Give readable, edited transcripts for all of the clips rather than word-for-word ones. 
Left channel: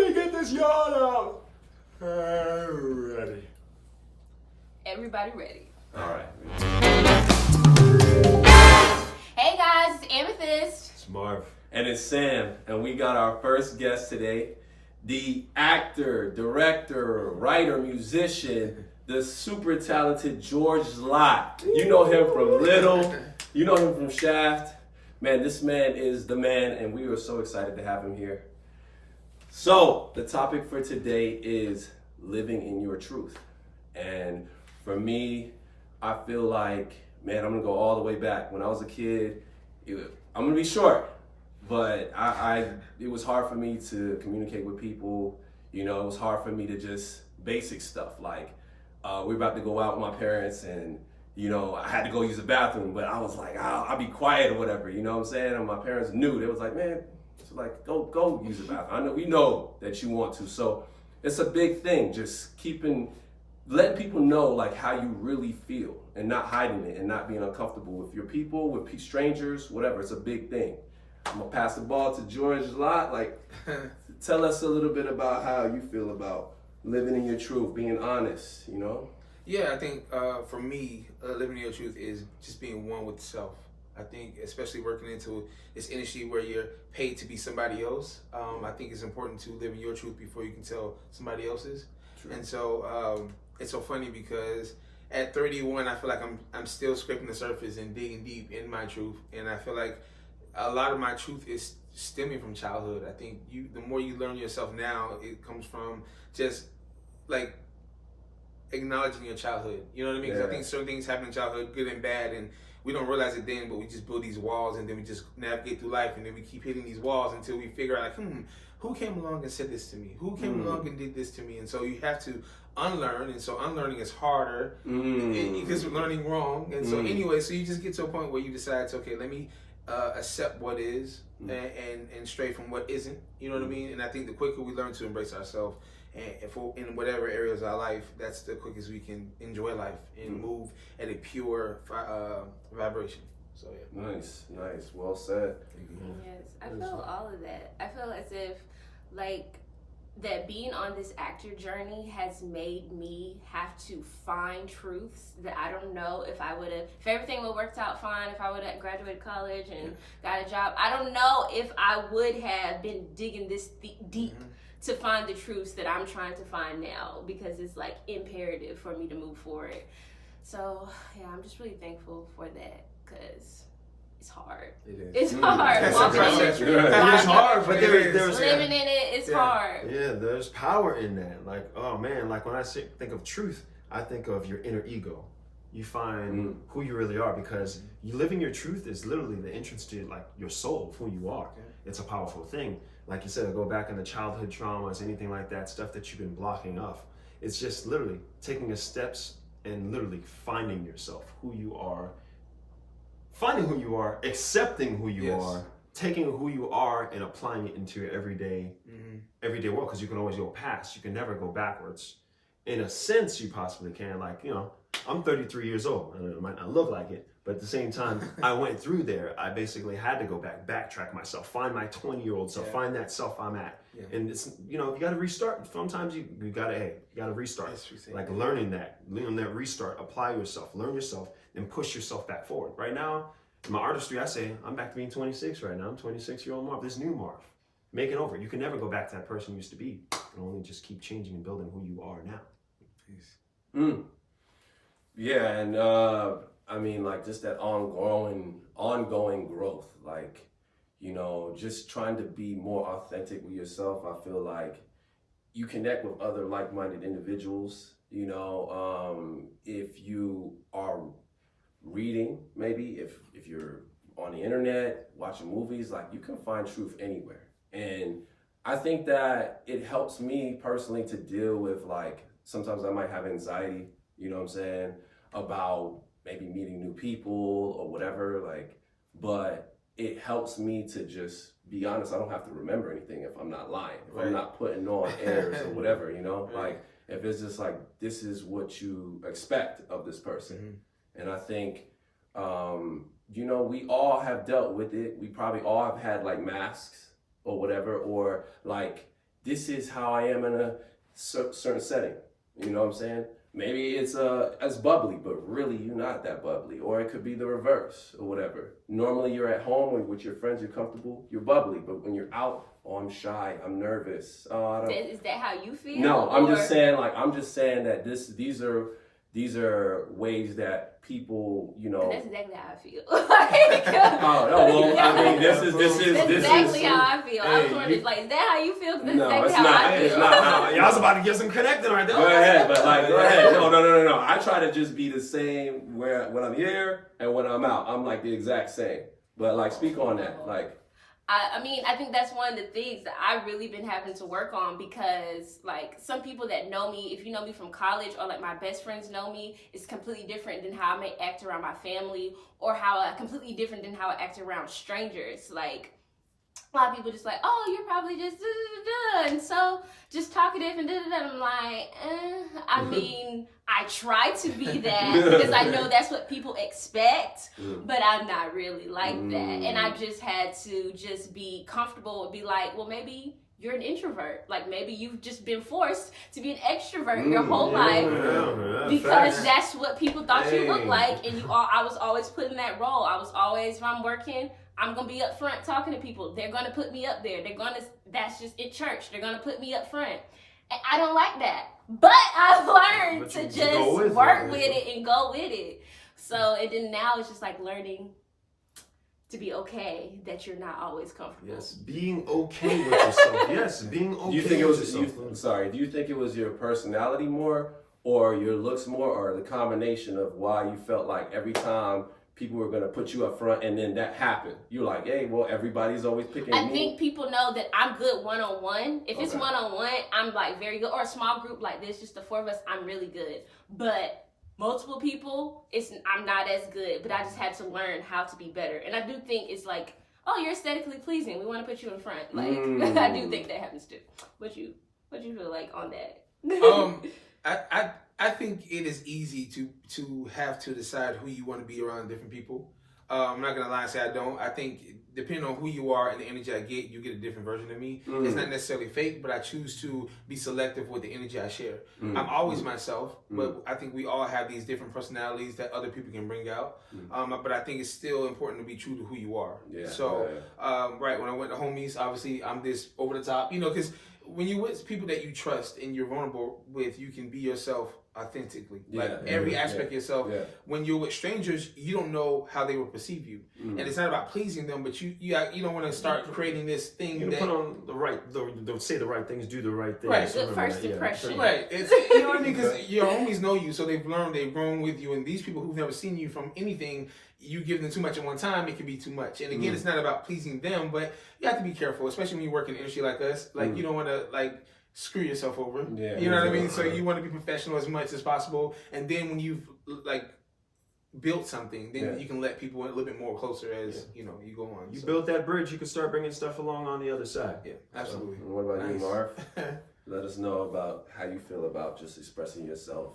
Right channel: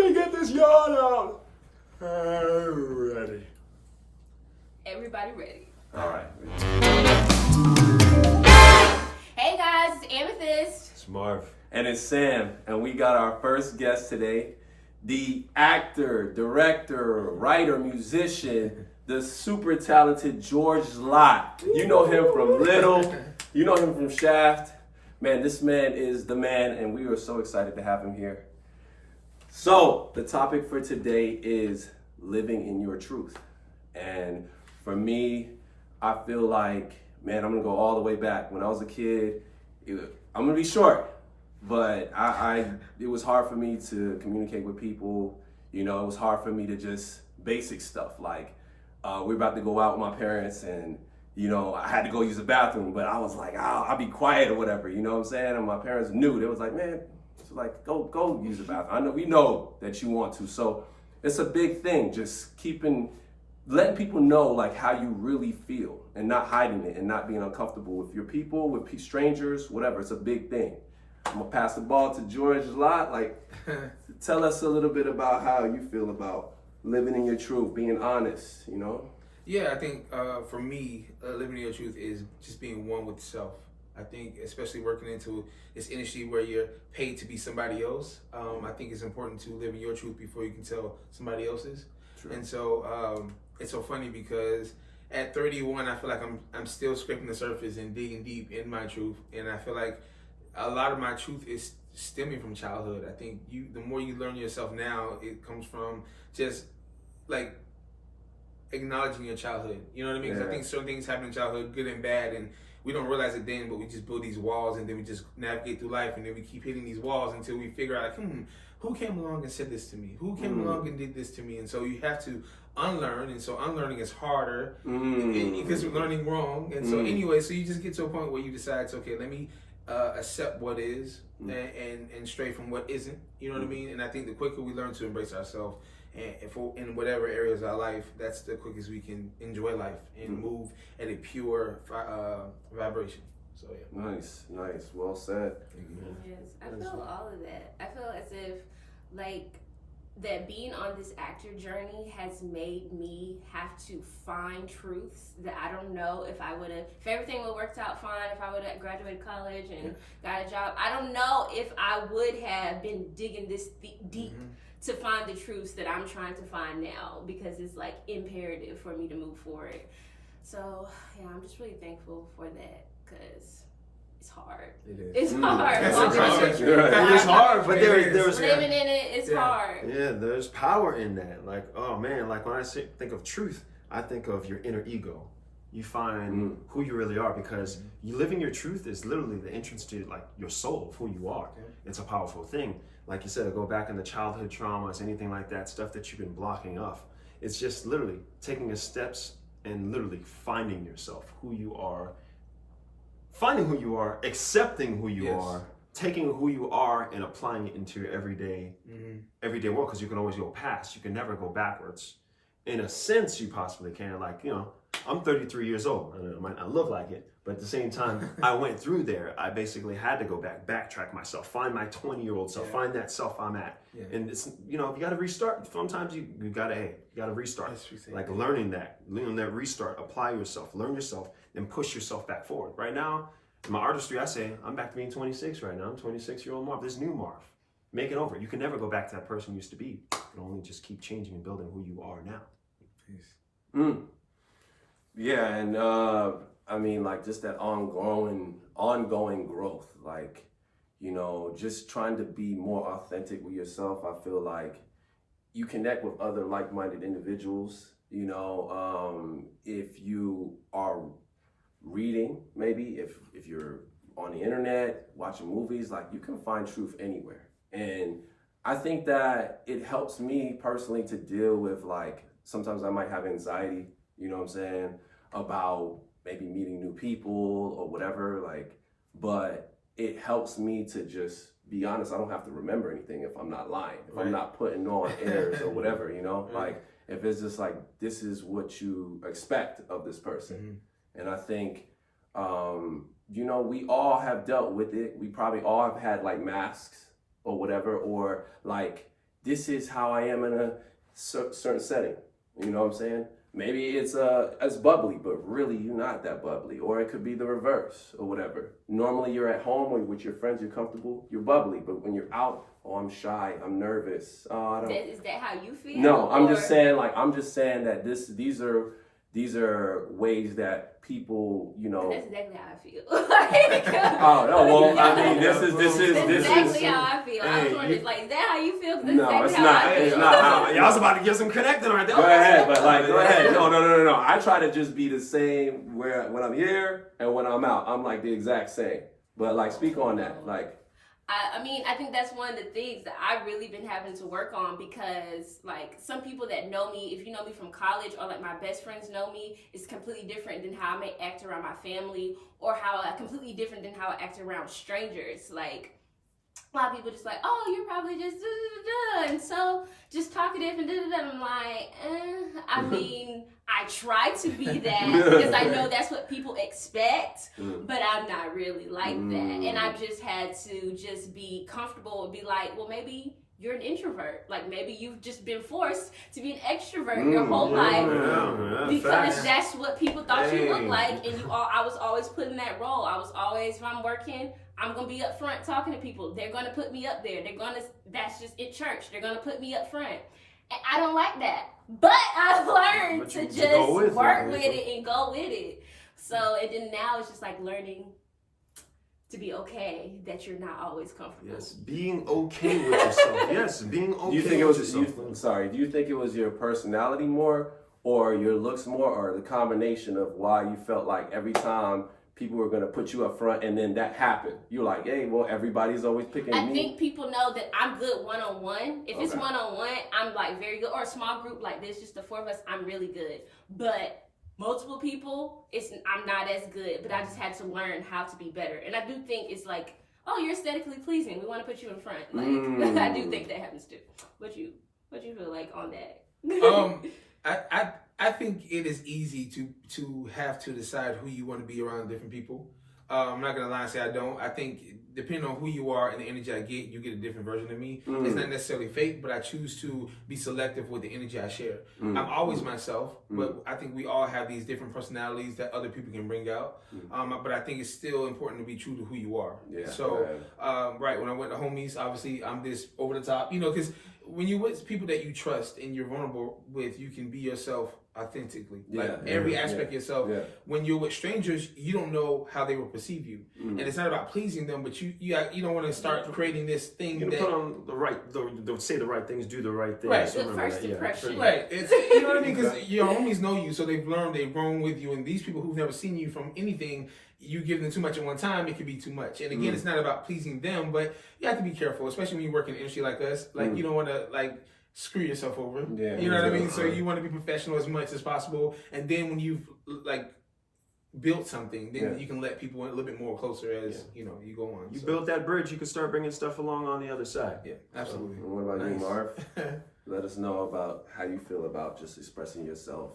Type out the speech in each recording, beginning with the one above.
me get this yarn out. Ready. Everybody ready. All right. Hey guys, it's Amethyst. It's Marv. And it's Sam, and we got our first guest today, the actor, director, writer, musician, the super talented George Lott. You know him from Little, you know him from Shaft. Man, this man is the man, and we are so excited to have him here. So, the topic for today is living in your truth. And for me, I feel like, man, I'm gonna go all the way back. When I was a kid, I'm gonna be short. But it was hard for me to communicate with people. You know, it was hard for me to just basic stuff like we're about to go out with my parents and, you know, I had to go use the bathroom, but I was like, I'll be quiet or whatever, you know what I'm saying? And my parents knew. They was like, man, it's like, go use the bathroom. I know, we know that you want to. So it's a big thing, just letting people know like how you really feel and not hiding it and not being uncomfortable with your people, with strangers, whatever. It's a big thing. I'm gonna pass the ball to George Lott. Like, tell us a little bit about how you feel about living in your truth, being honest, you know? Yeah, I think for me, living in your truth is just being one with self. I think, especially working into this industry where you're paid to be somebody else, I think it's important to live in your truth before you can tell somebody else's. True. And so it's so funny because at 31, I feel like I'm still scraping the surface and digging deep in my truth, and I feel like a lot of my truth is stemming from childhood. I think the more you learn yourself now, it comes from just like acknowledging your childhood. You know what I mean? Because I think certain things happen in childhood, good and bad, and we don't realize it then, but we just build these walls and then we just navigate through life, and then we keep hitting these walls until we figure out, like, who came along and said this to me? Who came along and did this to me? And so you have to unlearn, and so unlearning is harder because you're learning wrong. And so anyway, so you just get to a point where you decide, okay, let me accept what is and stray from what isn't. You know what I mean? And I think the quicker we learn to embrace ourselves and in whatever areas of our life, that's the quickest we can enjoy life and move at a pure vibration. So yeah. Nice. Well said. Yes, I feel all of that. I feel as if like that being on this actor journey has made me have to find truths that I don't know if everything would have worked out fine, if I would have graduated college and got a job. I don't know if I would have been digging this deep to find the truths that I'm trying to find now, because it's like imperative for me to move forward. So yeah, I'm just really thankful for that, because it's hard. It is. It's hard. It's hard, but there's living in it. It's hard. Yeah, there's power in that. Like, oh man, like when I think of truth, I think of your inner ego. You find who you really are, because you living your truth is literally the entrance to like your soul of who you are. It's a powerful thing. Like you said, I go back into childhood traumas, anything like that, stuff that you've been blocking off. It's just literally taking the steps and literally finding yourself, who you are, finding who you are, accepting who you are, taking who you are and applying it into your everyday world, because you can always go past. You can never go backwards. In a sense, you possibly can. Like, you know, I'm 33 years old. I might not look like it, but at the same time, I went through there. I basically had to go backtrack myself, find my 20-year-old self, find that self I'm at. And it's, you know, you got to restart. Sometimes you got to restart. Like learning that restart, apply yourself, learn yourself, and push yourself back forward. Right now, in my artistry, I say, I'm back to being 26 right now. I'm 26-year-old Marv. This new Marv. Make it over. You can never go back to that person you used to be. You can only just keep changing and building who you are now. Peace. Yeah, and I mean, like, just that ongoing growth, like, you know, just trying to be more authentic with yourself. I feel like you connect with other like-minded individuals, you know, if you are reading, maybe if you're on the internet, watching movies, like, you can find truth anywhere. And I think that it helps me personally to deal with, like, sometimes I might have anxiety, you know what I'm saying, about maybe meeting new people or whatever, like, but it helps me to just be honest. I don't have to remember anything if I'm not lying, if I'm not putting on airs or whatever, you know, like, if it's just like, this is what you expect of this person. And I think, you know, we all have dealt with it. We probably all have had like masks or whatever, or like this is how I am in a certain setting. You know what I'm saying? Maybe it's bubbly, but really you're not that bubbly. Or it could be the reverse or whatever. Normally you're at home or with your friends, you're comfortable, you're bubbly. But when you're out, oh, I'm shy, I'm nervous. Oh, I don't. Is that how you feel? No, I'm just saying that these are ways that people, you know. That's exactly how I feel. Oh no, well, I mean, this is exactly how I feel. Hey, I'm sort of like, is that how you feel? No, exactly it's how not. I feel. It's not. Y'all was about to get some connecting right there. Go ahead, but go ahead. No. I try to just be the same when I'm here and when I'm out. I'm like the exact same. But speak on that. I mean, I think that's one of the things that I've really been having to work on because, some people that know me, if you know me from college or, my best friends know me, it's completely different than how I may act around my family or completely different than how I act around strangers. A lot of people just oh, you're probably just da-da-da-da, and so just talkative and da-da-da. I'm like, I mean, I try to be that because I know that's what people expect, but I'm not really like that. And I just had to just be comfortable and be like, well, maybe you're an introvert. Maybe you've just been forced to be an extrovert your whole life because that's what people thought you looked like. And I was always put in that role. I was always, if I'm working, I'm going to be up front talking to people. They're going to put me up there. That's just at church. They're going to put me up front. And I don't like that. But I learned to just work with it and go with it. So, and then now it's just learning to be okay that you're not always comfortable. Yes, being okay with yourself. Yes, being okay with yourself. Do you think it was your personality more or your looks more or the combination of why you felt like every time people were going to put you up front and then that happened? You're like, hey, well, everybody's always picking me. I think people know that I'm good one-on-one. If it's one-on-one, I'm very good. Or a small group like this, just the four of us, I'm really good. But multiple people, I'm not as good. But I just had to learn how to be better. And I do think it's oh, you're aesthetically pleasing. We want to put you in front. I do think that happens too. What you feel like on that? I think it is easy to have to decide who you want to be around different people. I'm not going to lie and say I don't. I think depending on who you are and the energy I get, you get a different version of me. It's not necessarily fake, but I choose to be selective with the energy I share. I'm always myself, but I think we all have these different personalities that other people can bring out. But I think it's still important to be true to who you are. Yeah, so, when I went to homies, obviously I'm this over the top, because when you're with people that you trust and you're vulnerable with, you can be yourself authentically, every aspect of yourself. When you're with strangers, you don't know how they will perceive you, and it's not about pleasing them, but you don't want to start creating this thing. You put on say the right things, do the right things. Right, good first impression. Right, you know what I mean? Because your homies know you, so they've grown with you, and these people who've never seen you from anything, you give them too much at one time, it can be too much. And again, it's not about pleasing them, but you have to be careful, especially when you work in an industry like us. You don't want to screw yourself over. You know what I mean? So you want to be professional as much as possible, and then when you've built something, then you can let people a little bit more closer as you go on. You build that bridge, you can start bringing stuff along on the other side. Yeah, absolutely. So, what about you, Marv? Let us know about how you feel about just expressing yourself.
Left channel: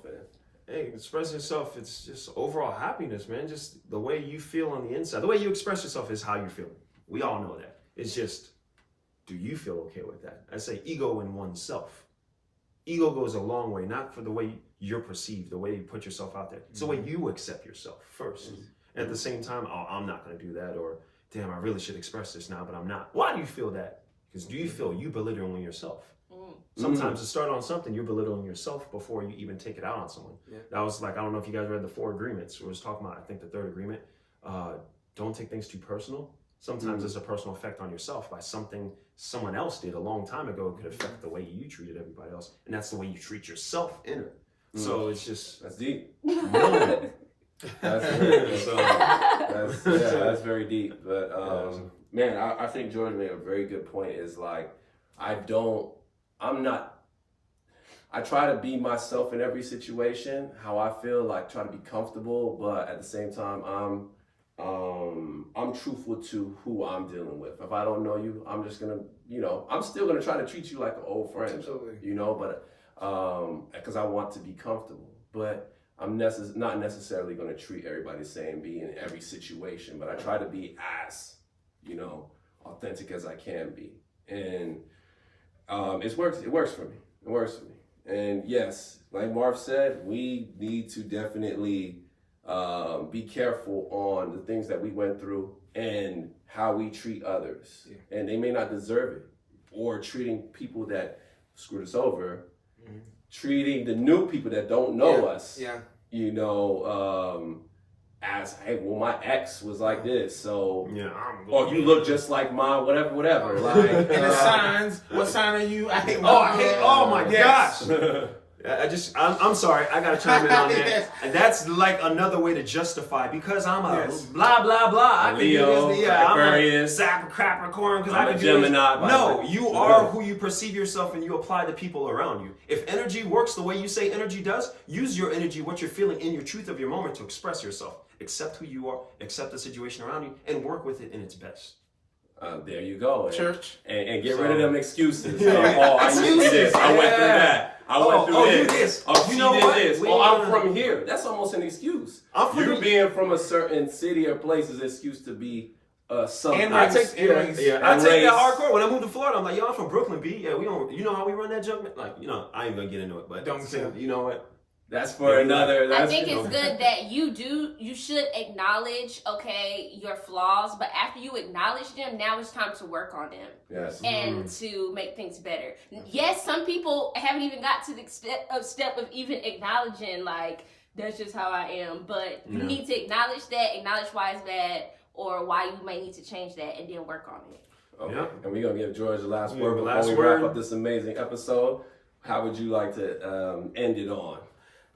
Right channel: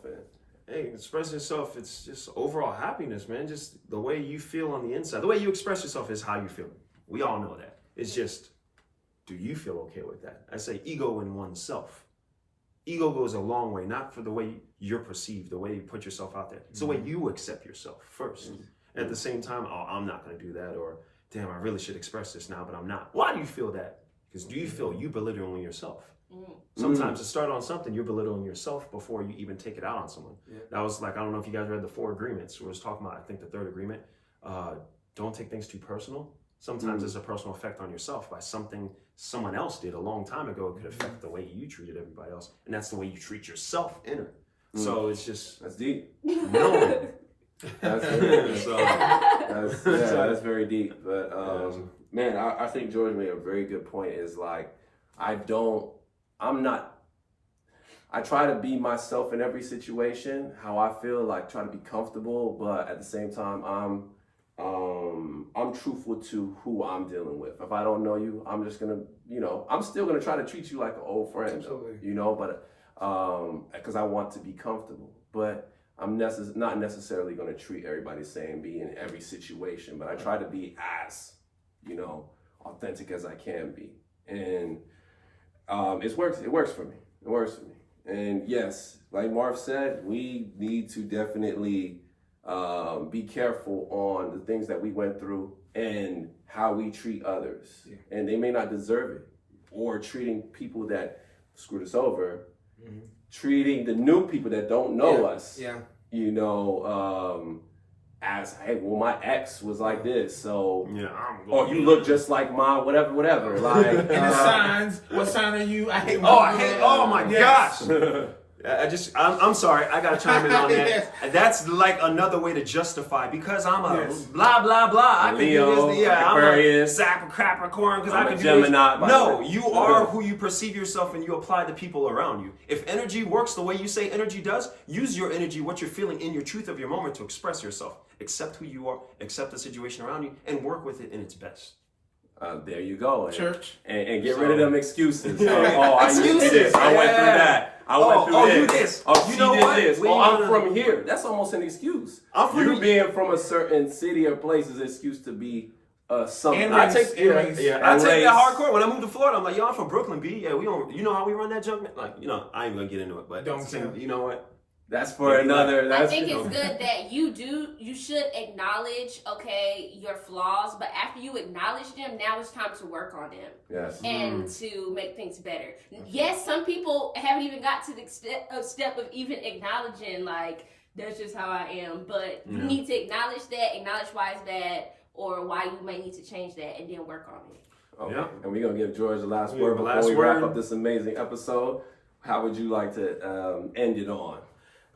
Hey, express yourself. It's just overall happiness, man. Just the way you feel on the inside. The way you express yourself is how you feel. We all know that. It's just, do you feel okay with that? I say ego in oneself. Ego goes a long way, not for the way you're perceived, the way you put yourself out there. It's the way you accept yourself first. At the same time, oh, I'm not going to do that, or damn, I really should express this now, but I'm not. Why do you feel that? Because do you feel you belittling yourself? Sometimes to start on something, you're belittling yourself before you even take it out on someone. That was I don't know if you guys read the 4 agreements, where it was talking about, I think the 3rd agreement, don't take things too personal. Sometimes there's a personal effect on yourself by something someone else did a long time ago. It could affect the way you treated everybody else. And that's the way you treat yourself inner. So it's just... That's deep. No. That's very deep. But man, I think George made a very good point. Is I try to be myself in every situation, how I feel, try to be comfortable, but at the same time, I'm truthful to who I'm dealing with. If I don't know you, I'm just gonna, I'm still gonna try to treat you like an old friend, but because I want to be comfortable. But I'm not necessarily gonna treat everybody the same, be in every situation, but I try to be as, authentic as I can be. And It works for me. It works for me. And yes, like Marv said, we need to definitely be careful on the things that we went through and how we treat others. Yeah. And they may not deserve it. Or treating people that screwed us over, treating the new people that don't know us, you know, as, hey, well, my ex was like this, so, or you look just like mine, whatever. Like, and the signs, what sign are you? I hate oh my gosh. I'm sorry, I gotta chime in on that. That's like another way to justify, because I'm a blah blah blah. I can do this. Yeah, I'm a Capricorn because I can do Gemini, this. No, you are who you perceive yourself, and you apply to people around you. If energy works the way you say energy does, use your energy, what you're feeling in your truth of your moment, to express yourself. Accept who you are, accept the situation around you, and work with it in its best. There you go. Church. And get rid of them excuses. I used to this. I went through that. I went through you this. Oh, you know what? This. I'm from here. That's almost an excuse. You being from a certain city or place is an excuse to be something. I take that hardcore. When I moved to Florida, I'm like, yo, I'm from Brooklyn, B. Yeah, we don't. You know how we run that junk? Like, you know, I ain't gonna get into it, but you know what? That's for another. I think it's good that you should acknowledge, your flaws, but after you acknowledge them, now it's time to work on them. Yes. And to make things better. Yes, some people haven't even got to the step of even acknowledging, like, that's just how I am. But you need to acknowledge why it's bad, or why you may need to change that, and then work on it. Okay. Yep. And we're going to give George the last word before we wrap up this amazing episode. How would you like to end it on?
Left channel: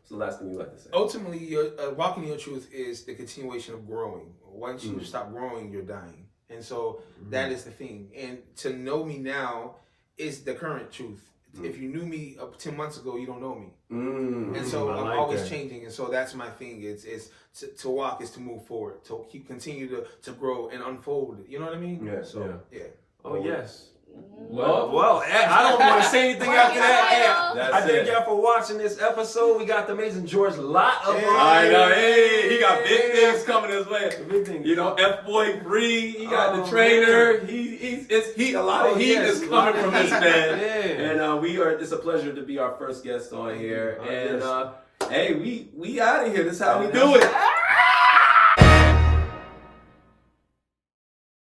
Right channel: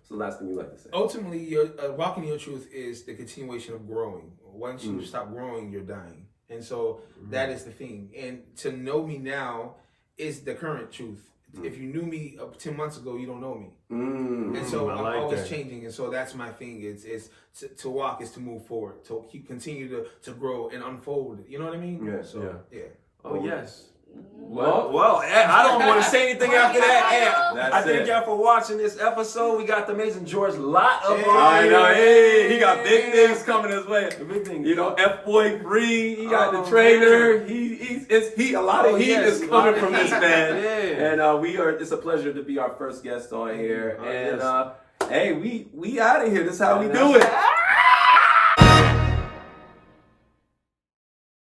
The last thing you like to say. Ultimately, walking in your truth is the continuation of growing. Once you stop growing, you're dying. And so that is the thing. And to know me now is the current truth. If you knew me 10 months ago, you don't know me. And so I'm always changing. And so that's my thing. It's to walk is to move forward, to continue to grow and unfold. You know what I mean? Yeah. So, yeah. Oh, yes. Well, I don't want to say anything after that. I thank y'all for watching this episode. We got the amazing George Lott up on here. He got big things coming his way. The big things. You know, F-Boy Free. He got the trainer. A lot of heat is coming from this man. And it's a pleasure to be our first guest on here. Hey, we out of here. This is how we do it.